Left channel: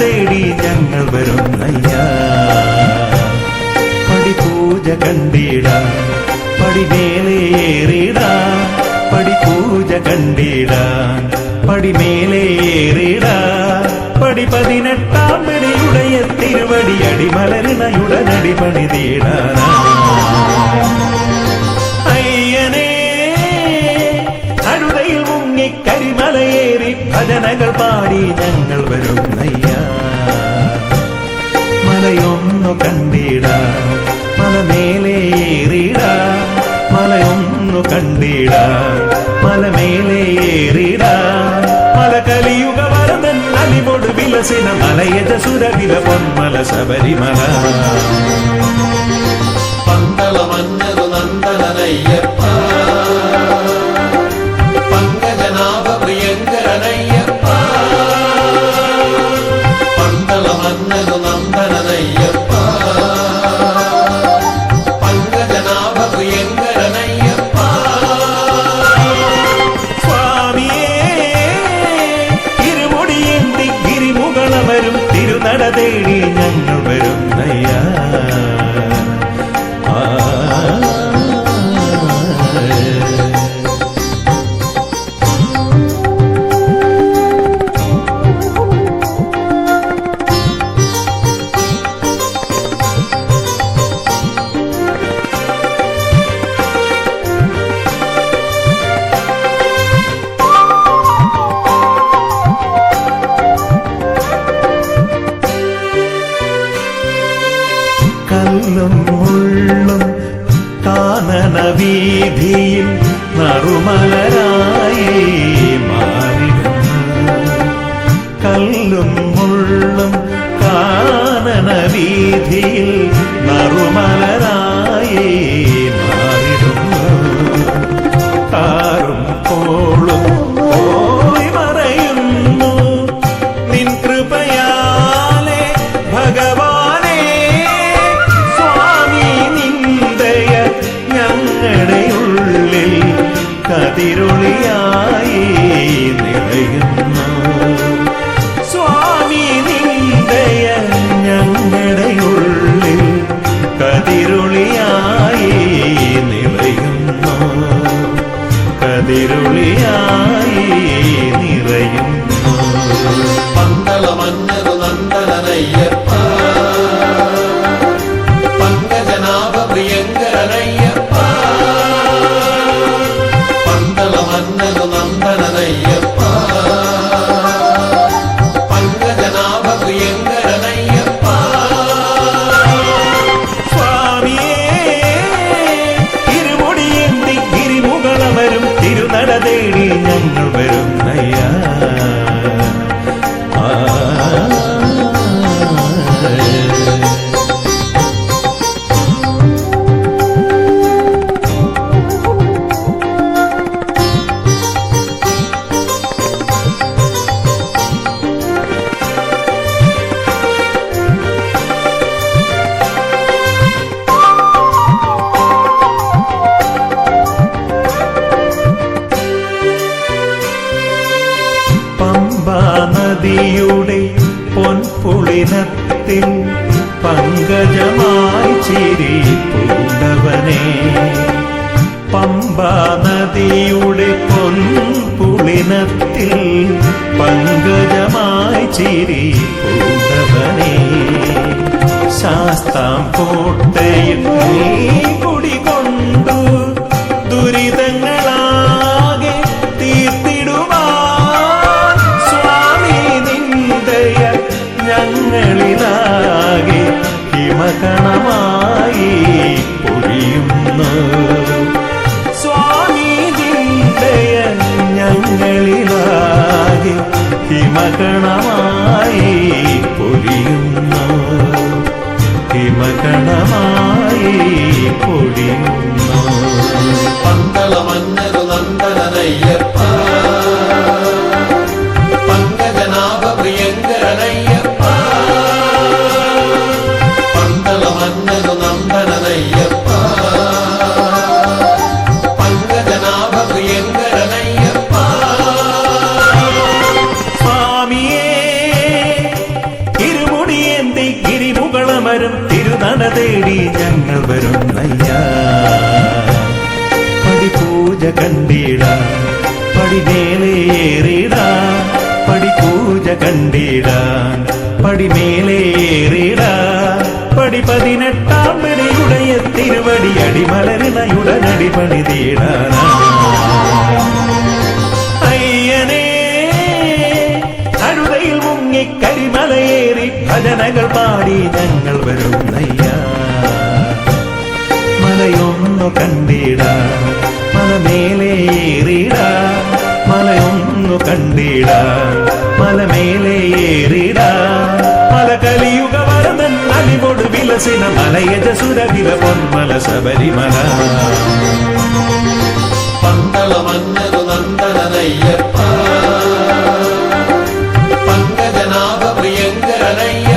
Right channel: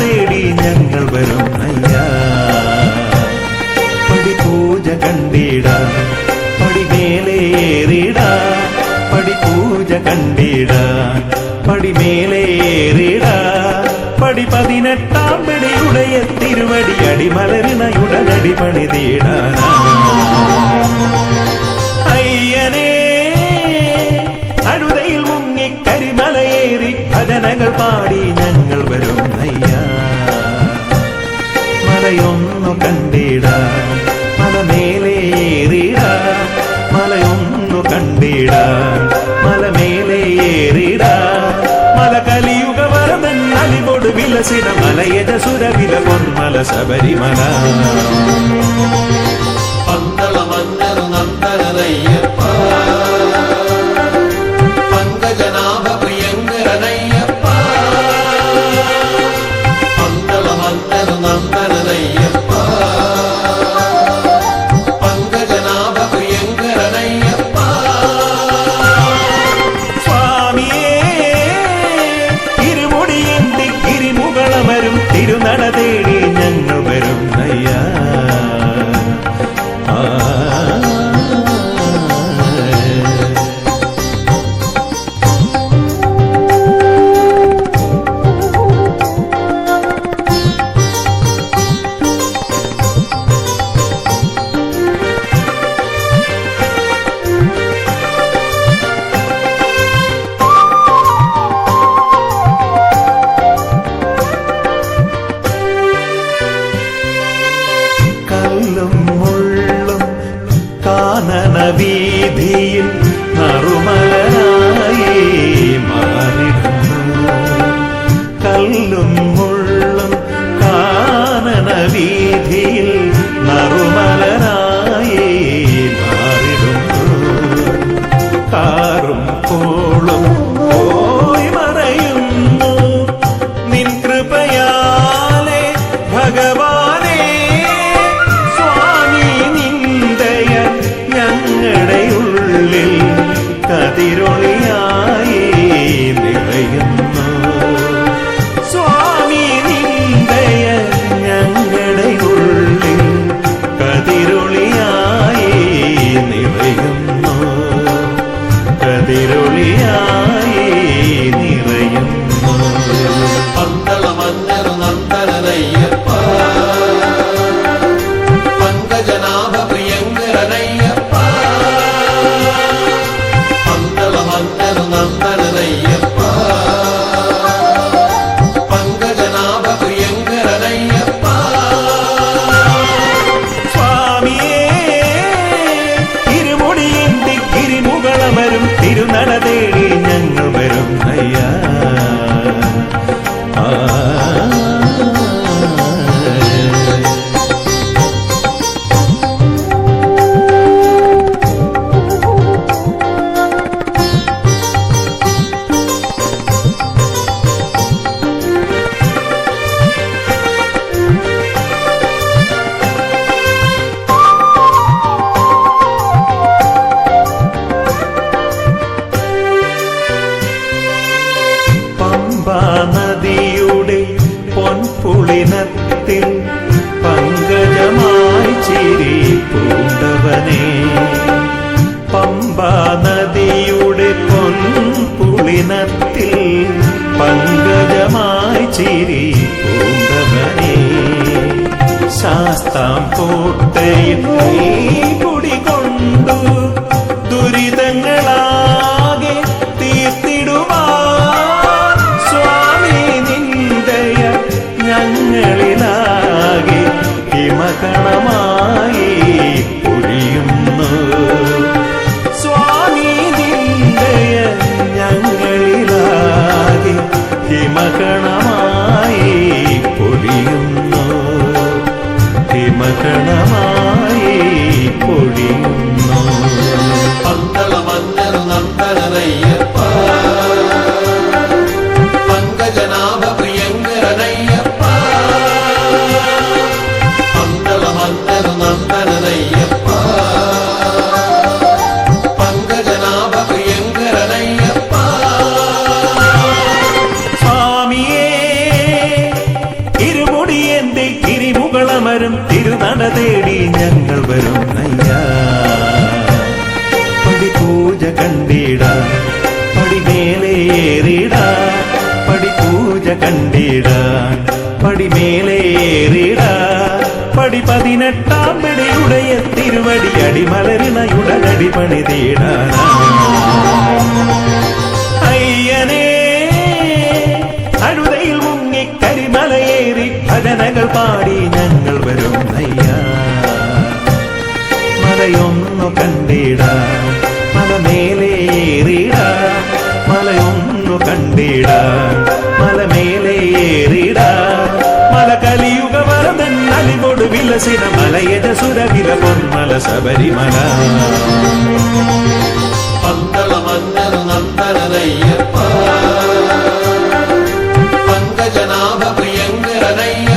തേടി ഞങ്ങൾ വരുന്നയ്യാ. പടിപൂജ കണ്ടിടാ പടിമേലേറിടാ, പടിപൂജ കണ്ടിടാൻ പടിമേലേറിടാ. പടി 18 പടിയുടയ തിരുവടി അടിമലരിണയുടനടി പണിതീടാനാ. അയ്യനേ അഴുതയിൽ മുങ്ങി കരിമലയേറി ഭജനകൾ പാടി ഞങ്ങൾ വരുന്നയ്യാ. മലയൊന്നു കണ്ടിടാ മലമേലേറിടാ, മലയൊന്നു കണ്ടിടാ മലമേലേറിടാ. മല കലിയുഗ വരദൻ അലിവോട് വിലസിന മലയജസുര വില പൊന്മല ശബരിമല. പന്തള മന്നരു നന്ദനയ്യപ്പ, പങ്കജനാഭ പ്രിയങ്കരനയ്യപ്പ. പന്തള മന്നരു നന്ദനയ്യപ്പ, പങ്കജനാഭ പ്രിയങ്കരനയ്യപ്പ. സ്വാമിയേ ഇരുമുടിയേന്തി ഗിരിമുകളമരും തിരുനട തേടി ഞങ്ങൾ വരുന്നയ്യാ. കല്ലും മുള്ളും കാനന വീതിയിൽ നറുമലരായി മാറിടുന്നു. കല്ലും മുള്ളും കാനന വീതിയിൽ നറുമലരായി മാറിടുന്നു. കാറും കോളും പോയി മറയുന്നു നിൻ കൃപയാലെ ഭഗവാനേ. ഞങ്ങളുടെ ഉള്ളിൽ കതിരൊളിയായി നിറയുന്നു. സ്വാമി നിന്ദയ ഞങ്ങളുടെ ഉള്ളിൽ കതിരൊളിയായി നിറയുന്നു, കതിരൊളിയായി നിറയുന്നു. പന്തള മന്നരു നന്ദനയ്യപ്പ, പങ്കജനാഭ പ്രിയങ്കരനയ്യപ്പ. പന്തള മന്നരു നന്ദനയ്യപ്പ, പങ്കജനാഭ പ്രിയങ്കരനയ്യപ്പ. സ്വാമിയേ ഇരുമുടിയേന്തി ഗിരിമുകളമരും തിരുനട തേടി ഞങ്ങൾ വരുന്നയ്യാ. നദിയുടെ പൊൻപുളിനത്തിൽ പങ്കജമായി ചിരി പൂണ്ടവനേ. പമ്പാ നദിയുടെ പൊൻപുളിനത്തിൽ പങ്കജമായി ചിരി പൂണ്ടവനേ. ശാസ്താം കോട്ടയിൽ നീ കുടികൊണ്ടു ദുരിതങ്ങളാകെ തീർത്തിടുവാൻ സ്വാമി നിന്ദയ ഞങ്ങളിലാകെ ഹിമകണമായി പൊഴിയുന്നു. സ്വാമി നിന്ദയ ഞങ്ങളിലാകെ ഹിമകണമായി പൊഴിയുന്നു, ഹിമകണമായി പൊഴിയുന്നു. പന്തള മന്നരു നന്ദനയ്യപ്പ, പങ്കജനാഭ പ്രിയങ്കരനയ്യപ്പ. പന്തള മന്നരു നന്ദനയ്യപ്പ, പങ്കജനാഭ പ്രിയങ്കരനയ്യപ്പ. സ്വാമിയേ വരും തിരുനട തേടി ഞങ്ങൾ വരും നയ്യ പടിപൂജ കണ്ടിടാൻ പടിമേലേറിടാൻ പടിപൂജ കണ്ടിടാൻ പടിമേലേറിടാൻ പടി 18 പടിയുടയ തിരുവടി അടിമലരിണയുടനടി പണിതീടാനാ അയ്യനേ അഴുതയിൽ മുങ്ങി കരിമലയേറി ഭജനകൾ പാടി ഞങ്ങൾ വരും നയ്യ മലയൊന്നു കണ്ടിടാൻ മലമേലേറിടാൻ മലയൊന്നു കണ്ടിടാൻ മലമേലേറിടാൻ മല കലിയുഗ വരദൻ അലിവൊടു വിലസിന മലയജസുര വില പൊന്മല ശബരിമല പന്തള മന്നരു നന്ദനയ്യപ്പ പങ്കജനാഭ പ്രിയങ്കരനയ്യപ്പ